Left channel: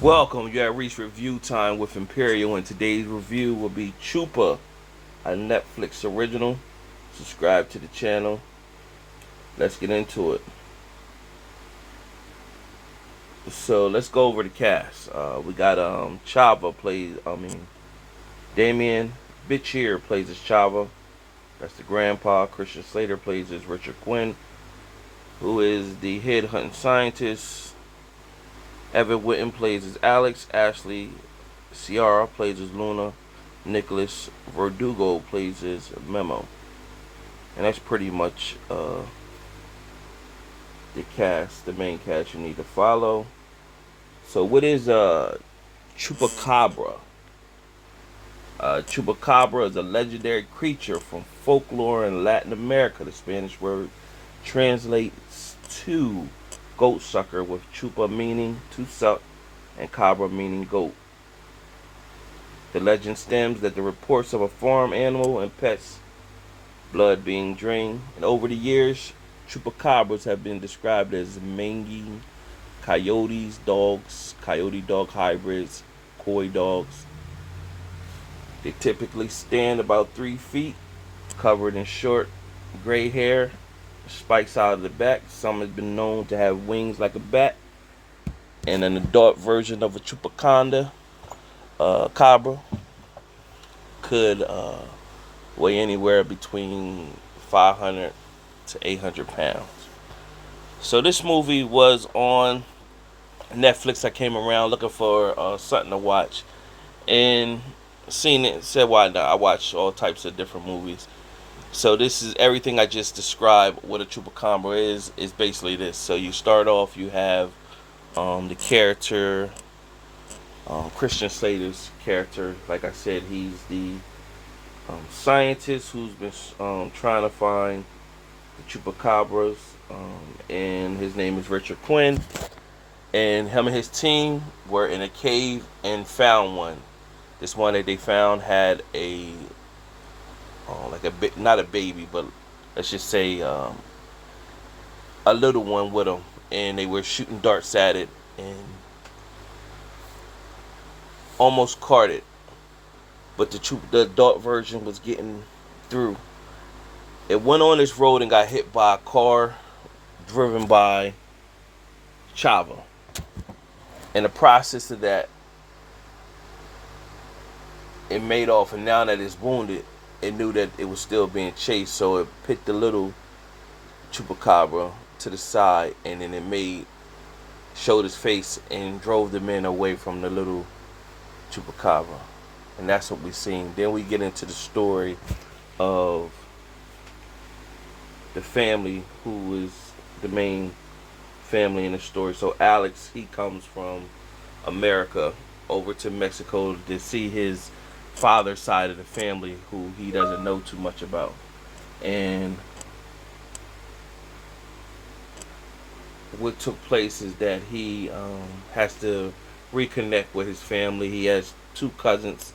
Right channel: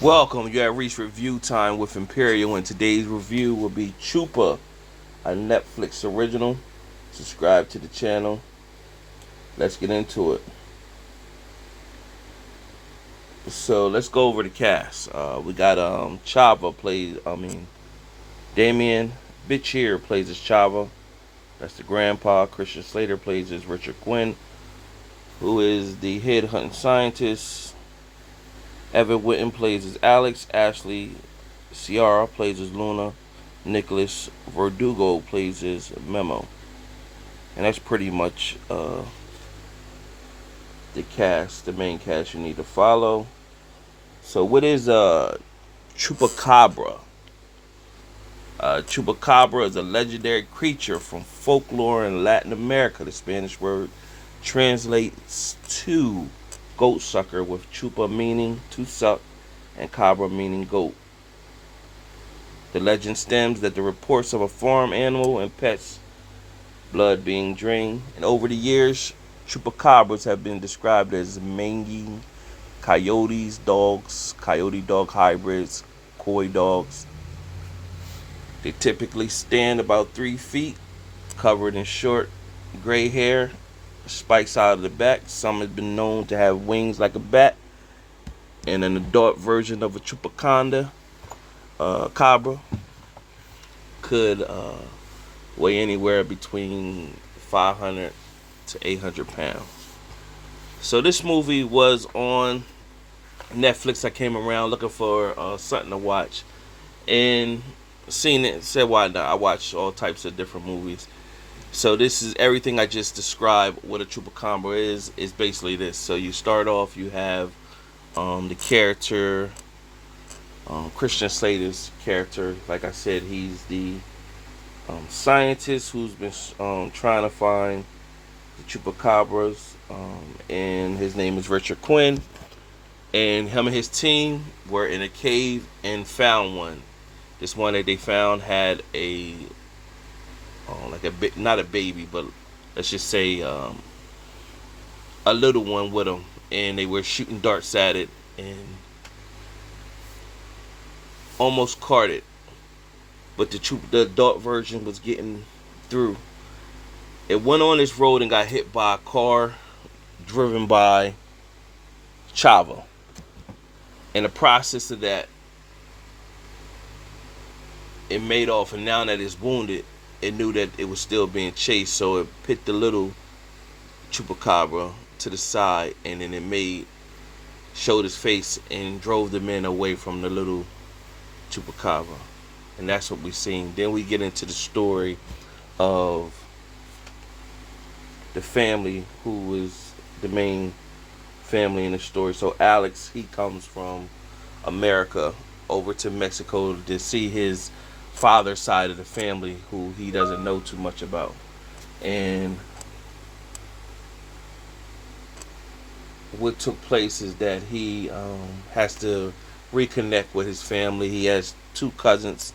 Welcome, you have reached review time with Imperial, and today's review will be Chupa, a Netflix original. Subscribe to the channel. Let's get into it. So let's go over the cast. We got Chava plays. Damien Bitcheer plays as Chava. That's the grandpa. Christian Slater plays as Richard Quinn, who is the head hunting scientist. Evan Witten plays as Alex. Ashley Ciara plays as Luna. Nicholas Verdugo plays as Memo. And that's pretty much the cast, the main cast you need to follow. So what is Chupacabra? Chupacabra is a legendary creature from folklore in Latin America. The Spanish word translates to goat sucker, with chupa meaning to suck and cabra meaning goat. The legend stems that the reports of a farm animal and pets' blood being drained, and over the years, chupacabras have been described as mangy coyotes, dogs, coyote dog hybrids, coy dogs. They typically stand about 3 feet, covered in short gray hair, spikes out of the back. Some have been known to have wings like a bat, and an adult version of a chupacabra cabra could weigh anywhere between 500 to 800 pounds. So this movie was on Netflix. I came around looking for something to watch, and seen it and said, why not? I watch all types of different movies. So this is everything I just described. What a chupacabra is basically this. So you start off, you have the character, Christian Slater's character. Like I said, he's the scientist who's been trying to find the chupacabras, and his name is Richard Quinn. And him and his team were in a cave and found one. This one that they found had a not a baby, but let's just say a little one with them, and they were shooting darts at it and almost caught it, but the adult version was getting through. It went on this road and got hit by a car driven by Chava. In the process of that, it made off, and now that it's wounded, it knew that it was still being chased, so it put the little chupacabra to the side, and then showed his face and drove the men away from the little chupacabra. And that's what we've seen. Then we get into the story of the family, who is the main family in the story. So Alex, he comes from America over to Mexico to see his father's side of the family, who he doesn't know too much about. And what took place is that he has to reconnect with his family. He has 2 cousins,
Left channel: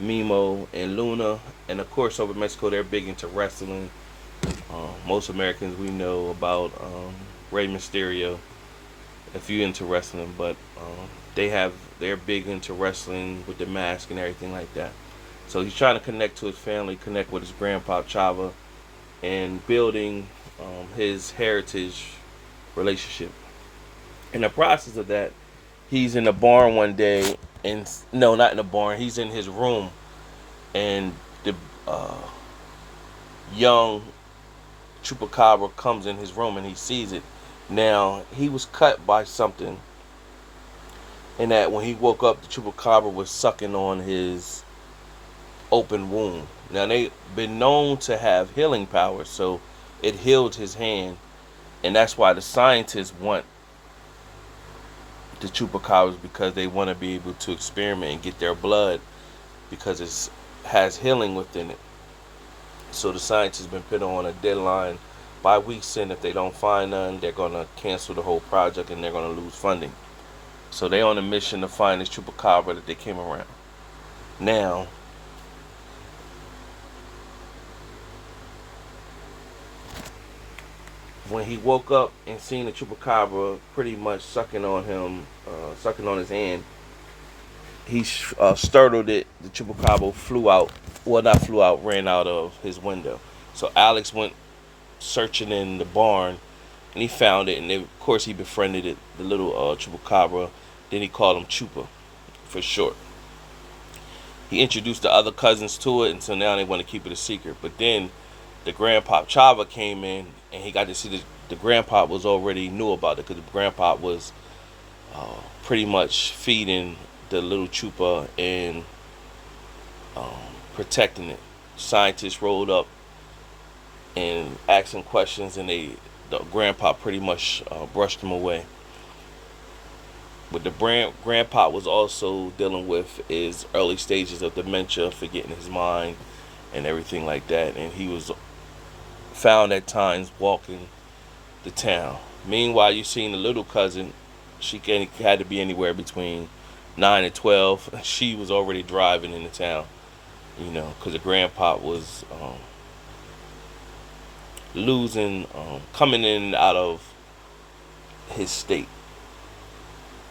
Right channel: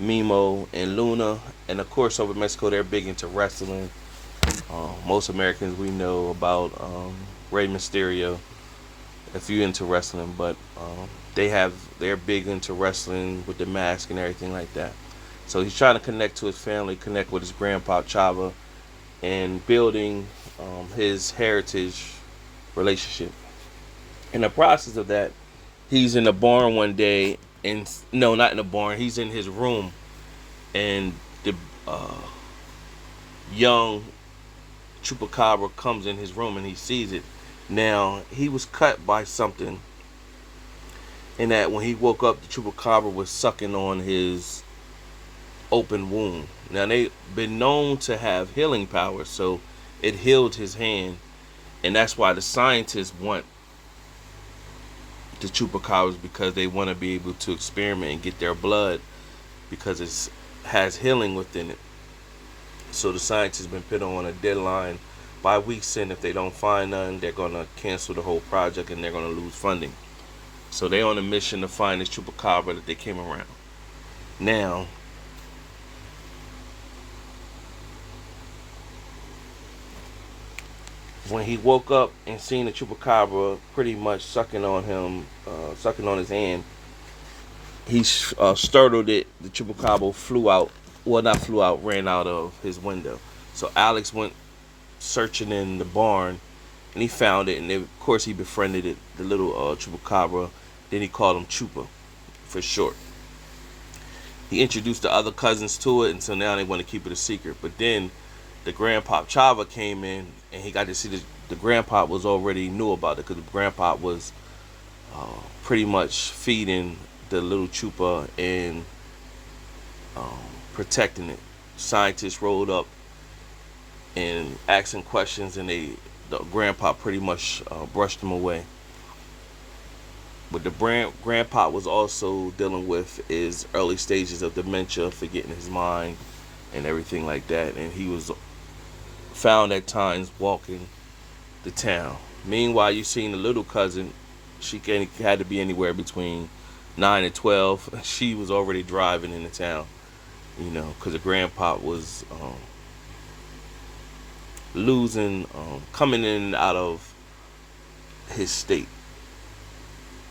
Mimo and Luna, and of course over in Mexico they're big into wrestling. Most Americans, we know about Rey Mysterio, if you're into wrestling, but they're big into wrestling with the mask and everything like that. So he's trying to connect to his family, connect with his grandpa Chava, and building his heritage relationship. In the process of that, he's in the barn one day, and no, not in the barn. He's in his room, and the young chupacabra comes in his room, and he sees it. Now he was cut by something, and that when he woke up, the chupacabra was sucking on his open wound. Now they've been known to have healing powers, so it healed his hand, and that's why the scientists want the chupacabras, because they want to be able to experiment and get their blood, because it has healing within it. So the scientists have been put on a deadline by weeks in. If they don't find none, they're going to cancel the whole project and they're going to lose funding. So they're on a mission to find this chupacabra that they came around. Now, When he woke up and seen the chupacabra pretty much sucking on him, sucking on his hand, he startled it. The chupacabra flew out. Well, not flew out, ran out of his window. So Alex went searching in the barn, and he found it. And of course, he befriended it, the little chupacabra. Then he called him Chupa, for short. He introduced the other cousins to it, and so now they want to keep it a secret. But then the grandpa Chava came in, and he got to see the grandpa was already knew about it because the grandpa was pretty much feeding the little Chupa and protecting it. Scientists rolled up and asking questions, and the grandpa pretty much brushed them away. What the grandpa was also dealing with is early stages of dementia, forgetting his mind and everything like that. And he was found at times walking the town. Meanwhile, you seen the little cousin. She had to be anywhere between 9 and 12. She was already driving in the town, because the grandpa was coming in and out of his state.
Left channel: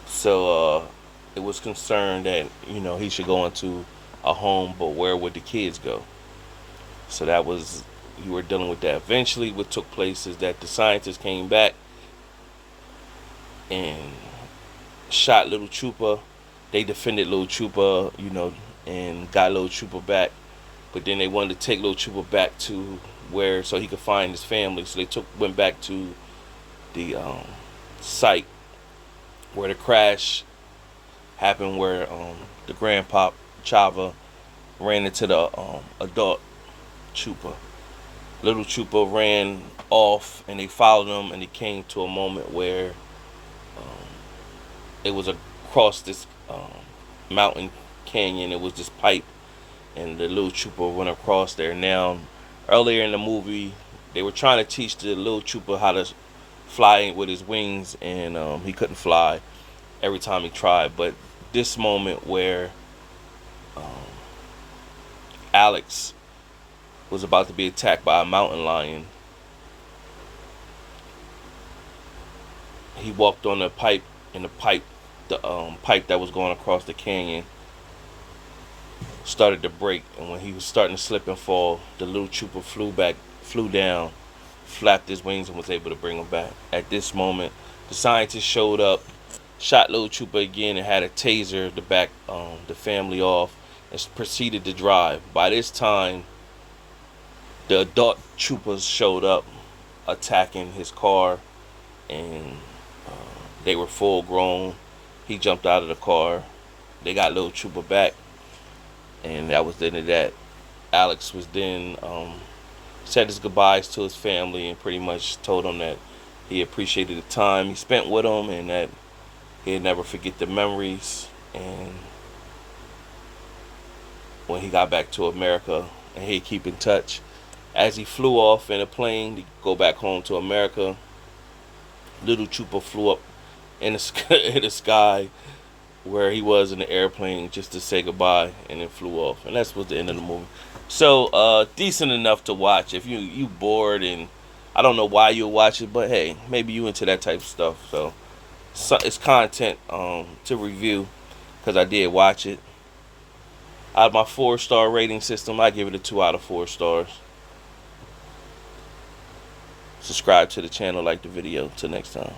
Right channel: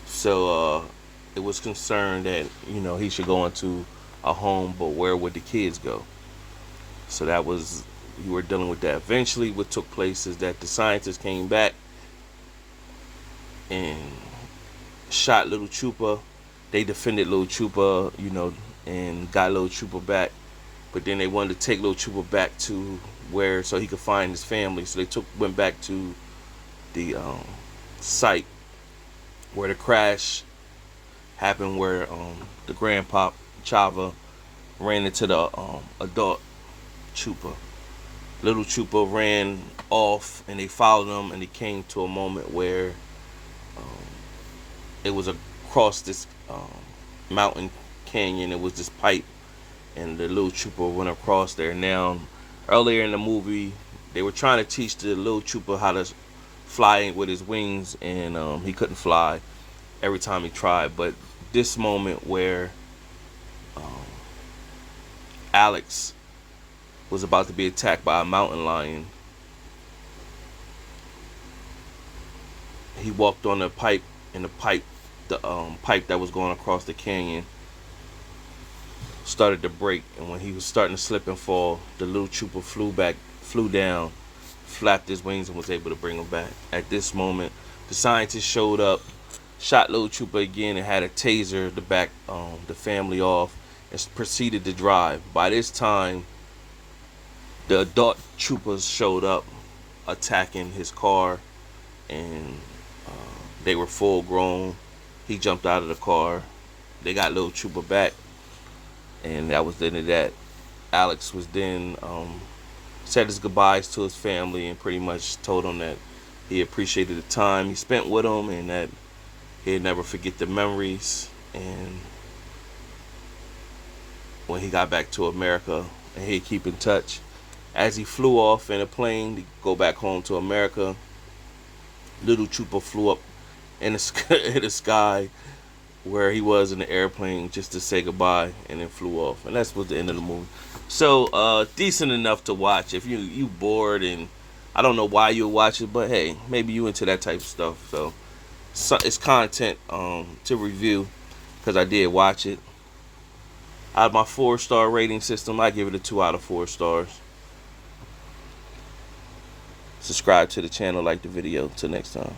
So it was concerned that he should go into a home, but where would the kids go? So that was, you were dealing with that. Eventually, what took place is that the scientists came back and shot little Chupa. They defended little Chupa, and got little Chupa back. But then they wanted to take little Chupa back to where so he could find his family. So they went back to the site where the crash happened, where the grandpa Chava ran into the adult Chupa. Little Chupa ran off, and they followed him, and they came to a moment where it was across this mountain canyon. It was this pipe, and the little Chupa went across there. Now, earlier in the movie, they were trying to teach the little Chupa how to fly with his wings, and he couldn't fly every time he tried. But this moment where Alex was about to be attacked by a mountain lion, he walked on the pipe, and the pipe that was going across the canyon started to break. And when he was starting to slip and fall, the little Chupa flew down, flapped his wings, and was able to bring him back. At this moment, the scientists showed up, shot little Chupa again, and had a taser to back the family off, and proceeded to drive. By this time, the adult Chupas showed up, attacking his car, and they were full grown. He jumped out of the car. They got little Chupa back, and that was the end of that. Alex was then said his goodbyes to his family, and pretty much told them that he appreciated the time he spent with them, and that he'd never forget the memories. And when he got back to America, and he'd keep in touch. As he flew off in a plane to go back home to America, little Chupa flew up in the sky where he was in the airplane just to say goodbye, and then flew off. And that's was the end of the movie. So decent enough to watch if you bored, and I don't know why you watch it, but hey, maybe you into that type of stuff. So it's content to review, because I did watch it. Out of my 4-star rating system, I give it a 2 out of 4 stars. Subscribe to the channel, like the video. Till next time.